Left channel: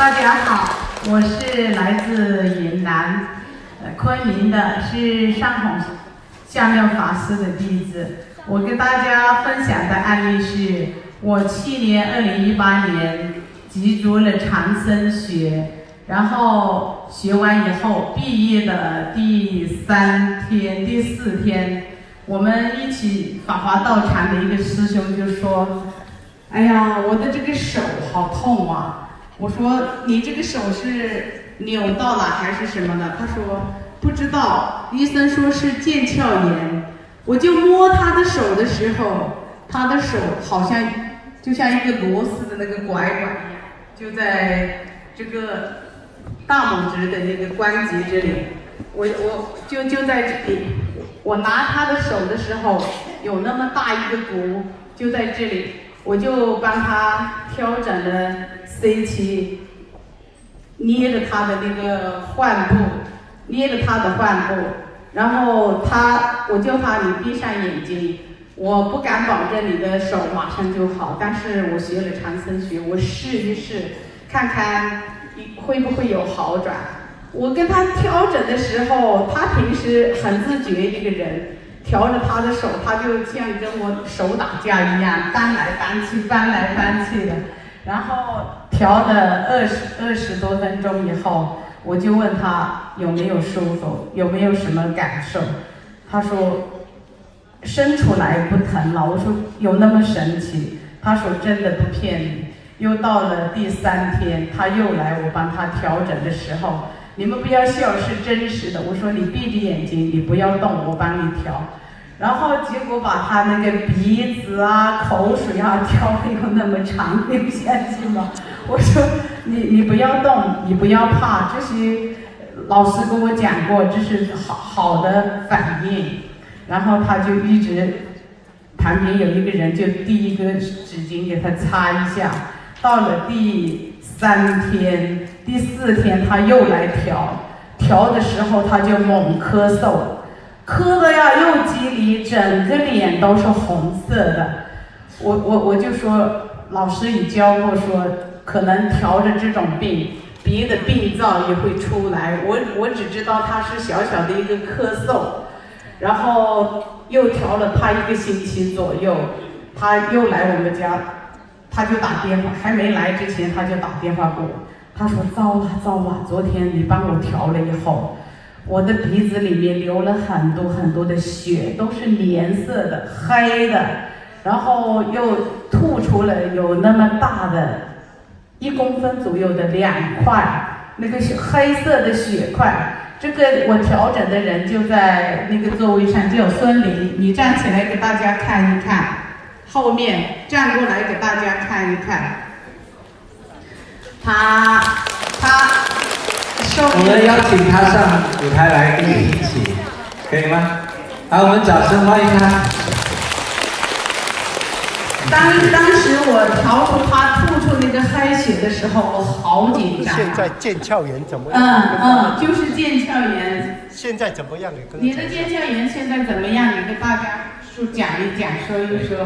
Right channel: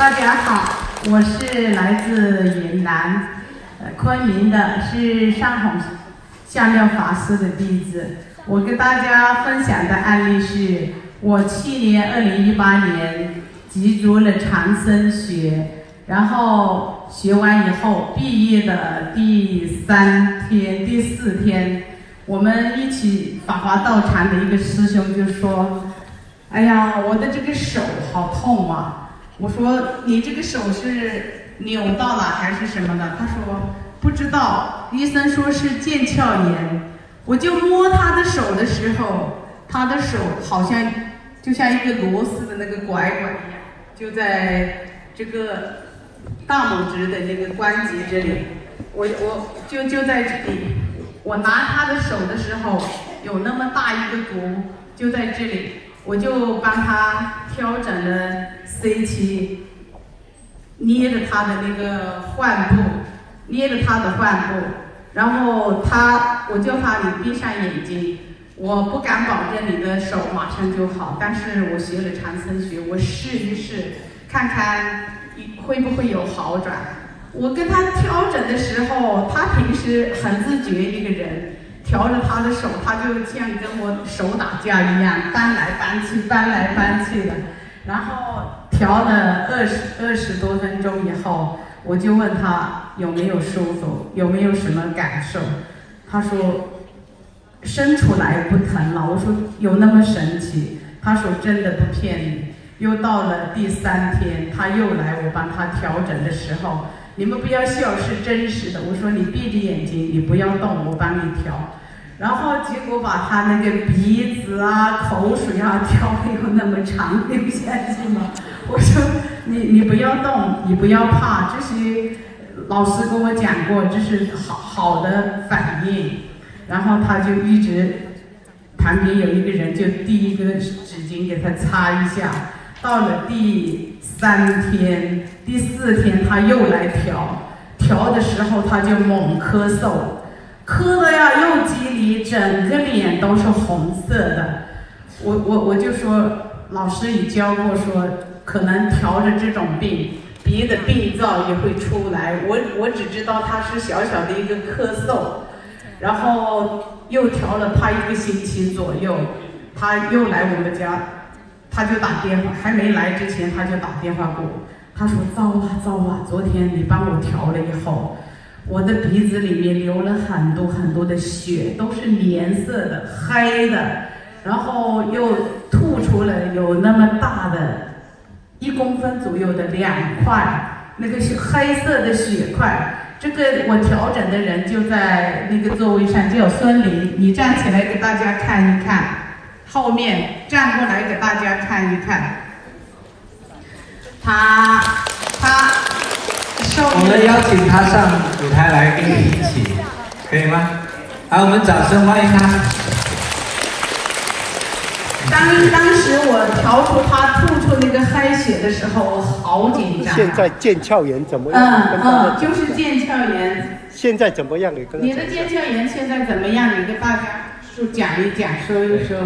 大家好，我是来自云南昆明的，是上洪下妙法师的弟子。我跟大家分享的案例是，我去年2018年集足了长生学，然后学完以后毕业的第3天、第4天，我们一起法华道场的一个师兄就说：“哎呀，我的这个手好痛啊！”我说：“你这个手是扭到了还是什么的？”他说：“不知道，医生说是腱鞘炎。”我就摸他的手的时候，他的手好像就像一个螺丝的那个拐拐一样，就在这个大拇指的那个关节这里。我就在这里，我拿他的手的时候，有那么大一个骨，就在这里。我就帮他调整了 C7， 捏着他的那个患部，然后我叫他你闭上眼睛，我不敢保证你的手马上就好，但是我学了长生学，我试一试，看看会不会有好转。我跟他调整的时候，他平时很自觉一个人。调着他的手，他就像跟我手打架一样，搬来搬去的。然后调了20多分钟以后，我就问他有没有舒服，有没有什么感受。他说伸出来不疼了。我说有那么神奇？他说真的不骗你。又到了第3天，他又来我帮他调整的时候，你们不要笑，是真实的。我说你闭着眼睛，你不要动，我帮你调。然后结果把他那个鼻子啊、口水啊调的有那么长，流下去了。我说你不要动，你不要怕，这些老师跟我讲过，这是好的反应。然后他就一直旁边有一个人就递一个纸巾给他擦一下。到了第3天、第4天，他又来调的时候，他就猛咳嗽，咳的呀又激离，整个脸都是红色的。我就说，老师已教过说，可能调着这种病，别的病灶也会出来。我只知道他是小小的一个咳嗽，然后又调了他1个星期左右，他又来我们家。他就打电话，还没来之前他就打电话给我，他说糟了，昨天你帮我调了以后，我的鼻子里面流了很多的血，都是颜色的黑的，然后又吐出了有那么大的1公分左右的2块，那个是黑色的血块。这个我调整的人就在那个座位上，叫孙林，你站起来给大家看一看。后面站过来给大家看一看，他我们邀请他上舞台来跟你一起，可以吗？好，我们掌声欢迎他。当时我调出他吐出那个黑血的时候，我好紧张。现在腱鞘炎怎么样？就是腱鞘炎。现在怎么样？你的腱鞘炎现在怎么样？你给大家讲一讲，说一说。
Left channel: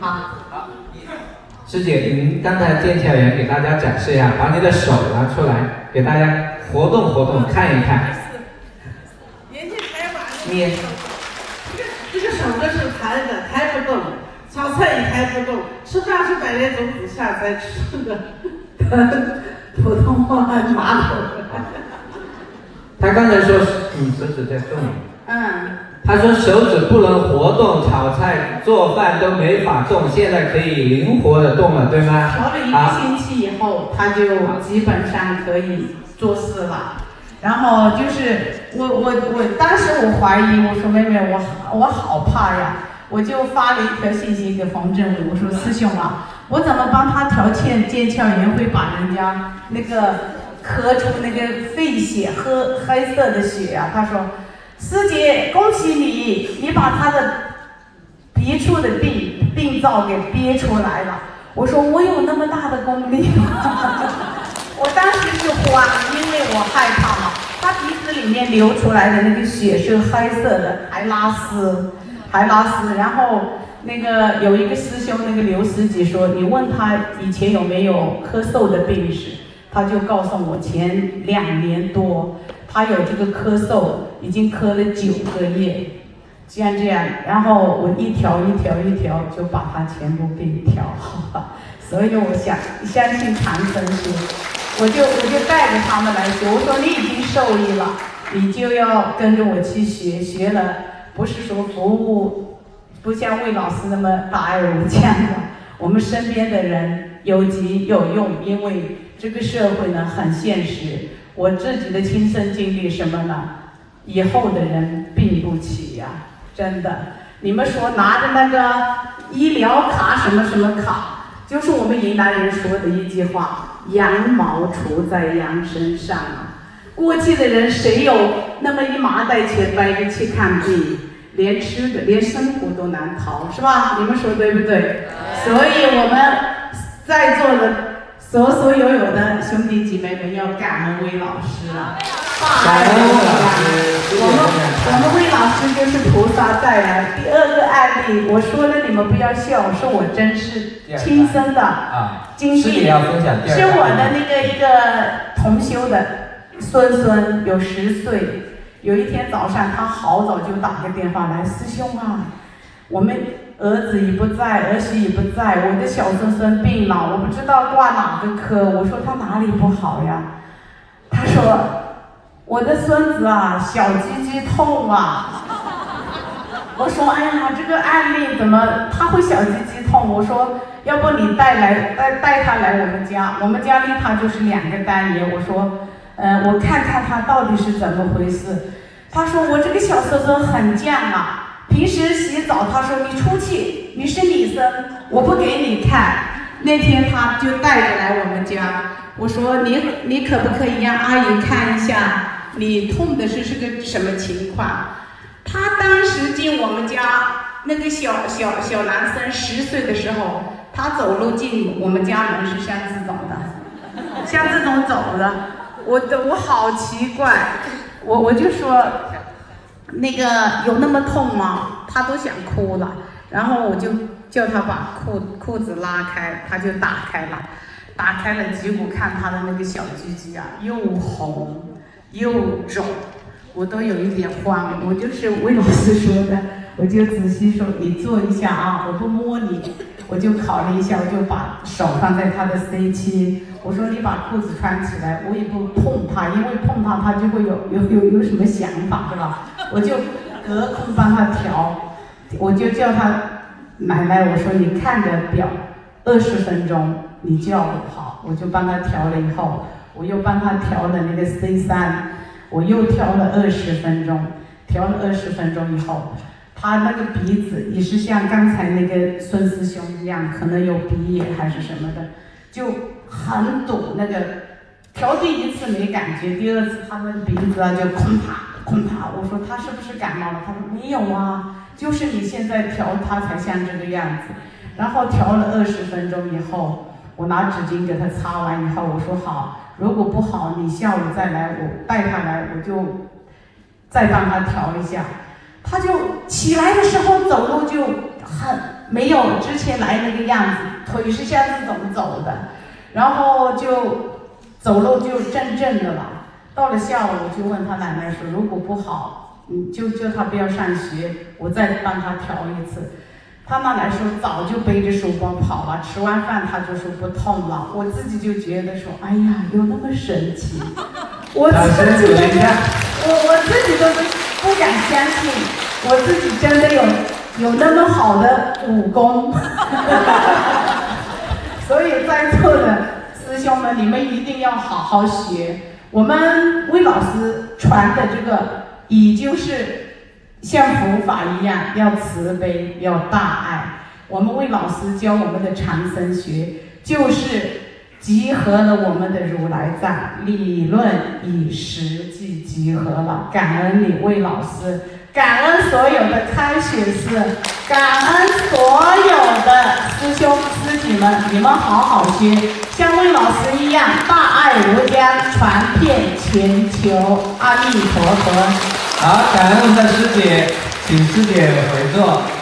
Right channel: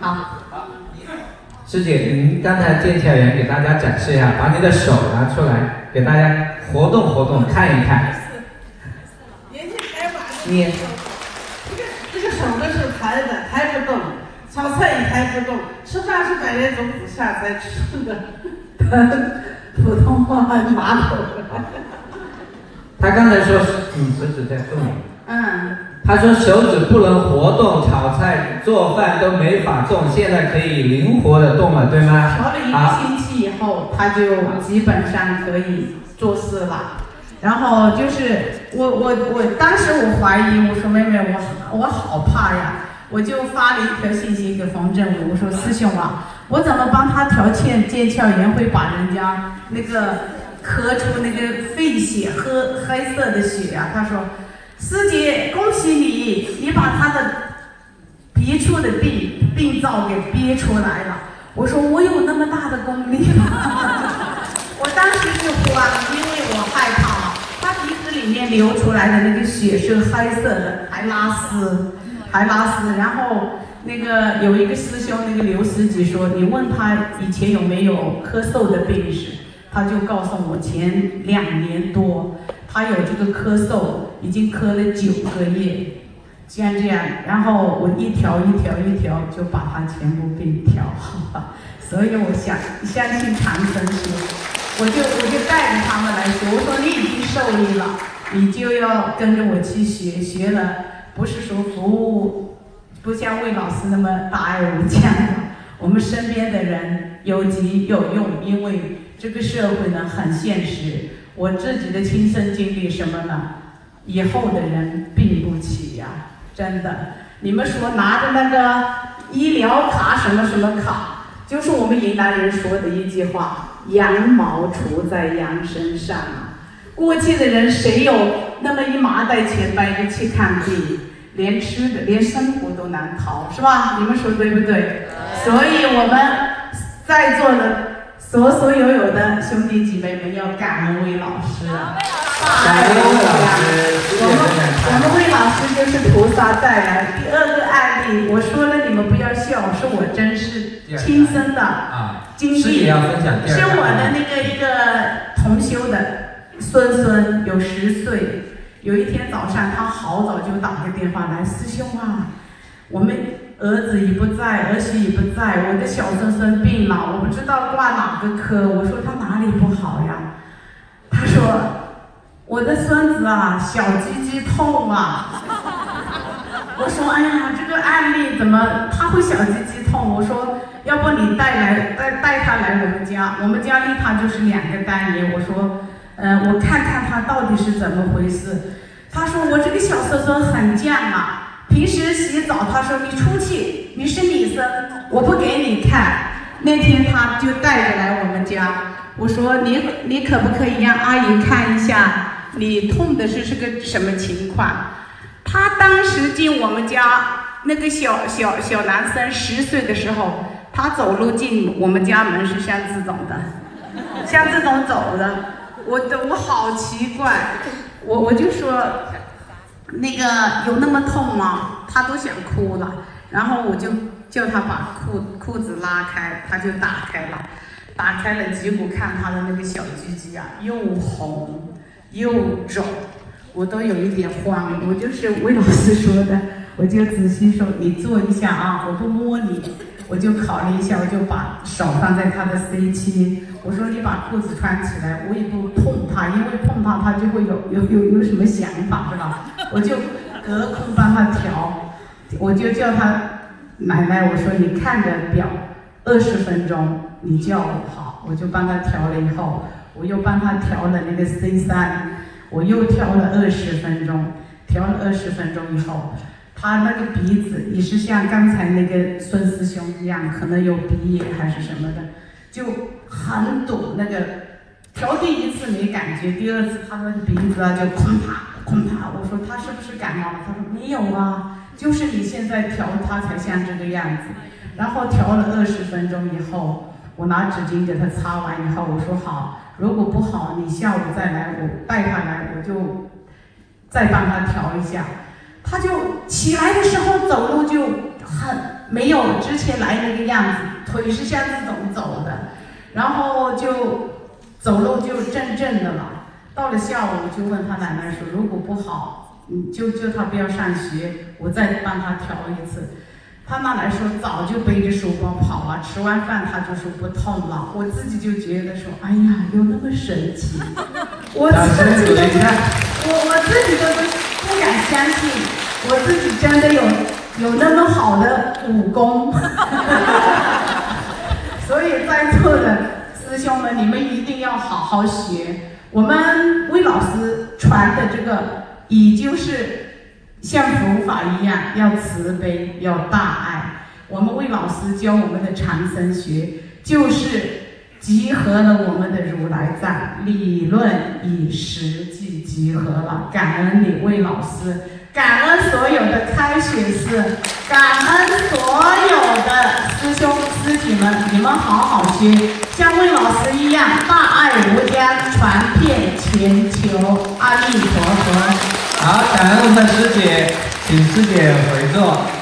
好，师姐，您刚才腱鞘炎给大家展示一下，把你的手拿出来，给大家活动看一看。你这个手就是抬不动，炒菜也抬不动，吃饭是摆那种不下在吃的，普通话马桶。他刚才说手指在动。他说手指不能活动，炒菜做饭都没法动，现在可以灵活的动了，对吗？调了1个星期以后，他就基本上可以做事了。然后就是我当时我怀疑，我说妹妹，我好怕呀，我就发了一条信息给冯振武，我说师兄啊，我怎么帮他调腱鞘炎会把人家那个咳出那个肺血黑色的血啊？他说。师姐，恭喜你，你把他的憋出的病灶给憋出来了。我说我有那么大的功力吗？我当时是慌，因为我害怕嘛。他鼻子里面流出来的那个血是黑色的，还拉丝，还拉丝。然后那个有一个师兄，那个刘师姐说，你问他以前有没有咳嗽的病史，他就告诉我前2年多他有这个咳嗽，已经咳了9个月，像这样，然后我一条就把他全部给你调好了。所以我相信长生学，我就带着他们来学。我说你已经受益了，你就要跟着我去学，学了不是说服务，不像魏老师那么大爱无疆的，我们身边的人有急有用，因为这个社会呢很现实。我自己的亲身经历什么呢？以后的人病不起呀，真的。你们说拿着那个医疗卡什么什么卡，就是我们云南人说的一句话：羊毛出在羊身上啊。过去的人谁有那么一麻袋钱背着去看病，连吃的连生活都难逃，是吧？你们说对不对？所以我们在座的所有的兄弟姐妹们要感恩魏老师啊！感恩魏老师，我们魏老师就是菩萨带来。第2个案例，我说了你们不要笑，是我真是亲身的经历，是我的那个一个同修的孙有10岁。有一天早上，他好早就打个电话来，师兄啊，我们儿子也不在，儿媳也不在，我的小孙病了，我不知道挂哪个科。我说他哪里不好呀？他说我的孙子啊，小鸡鸡痛啊。我说哎呀，这个案例怎么他会小鸡鸡痛？我说要不你带他来我们家，我们家离他就是2个单元。我说我看看他到底是怎么回事。他说我这个小孙很犟啊，平时洗澡，他说你出去，你是女生，我不给你看。那天他就带着来我们家，我说你可不可以让阿姨看一下你痛的是个什么情况？他当时进我们家，那个小男生10岁的时候，他走路进我们家门是像这种的，像这种走的。我好奇怪，我就说那个有那么痛吗？他都想哭了，然后我就叫他把裤子拉开，他就打开了，结果看他的那个小鸡鸡啊，又红又肿，我都有一点慌。我就是魏老师说的，我就仔细说你坐一下啊，我不摸你，我就考虑一下，我就把手放在他的 C 区。我说你把裤子穿起来，我也不碰他，因为碰他就会有什么想法，是吧？我就隔空帮他调，我就叫他奶奶，我说你看着表，20分钟你叫我好，我就帮他调了以后，我又帮他调了那个 C3，我又调了20分钟，调了20分钟以后，他那个鼻子也是像刚才那个孙师兄一样，可能有鼻炎还是什么的，就很堵。那个调第1次没感觉，第2次他那个鼻子啊就空啪。我说他是不是感冒了？他说没有啊，就是你现在调他才像这个样子。然后调了20分钟以后，我拿纸巾给他擦完以后，我说好，如果不好你下午再来，我带他来，我就再帮他调一下。他就起来的时候走路就很没有之前来那个样子，腿是像这种走的，然后就走路就正的了。到了下午，我就问他奶奶说，如果不好，你就叫他不要上学，我再帮他调1次。他奶奶说早就背着书包跑了，吃完饭他就说不痛了。我自己就觉得说，哎呀，有那么神奇，我自己都不敢相信，我自己真的有那么好的武功。所以在座的师兄们，你们一定要好好学。我们魏老师传的这个，也就是像佛法一样，要慈悲，要大爱。我们魏老师教我们的长生学，就是集合了我们的如来藏理论与实际集合了。感恩你魏老师，感恩所有的开学师，感恩所有的师兄师姐们，你们好好学，像魏老师一样大爱无疆，传遍全球。阿弥陀佛。好，感恩我们的师姐，请师姐回座。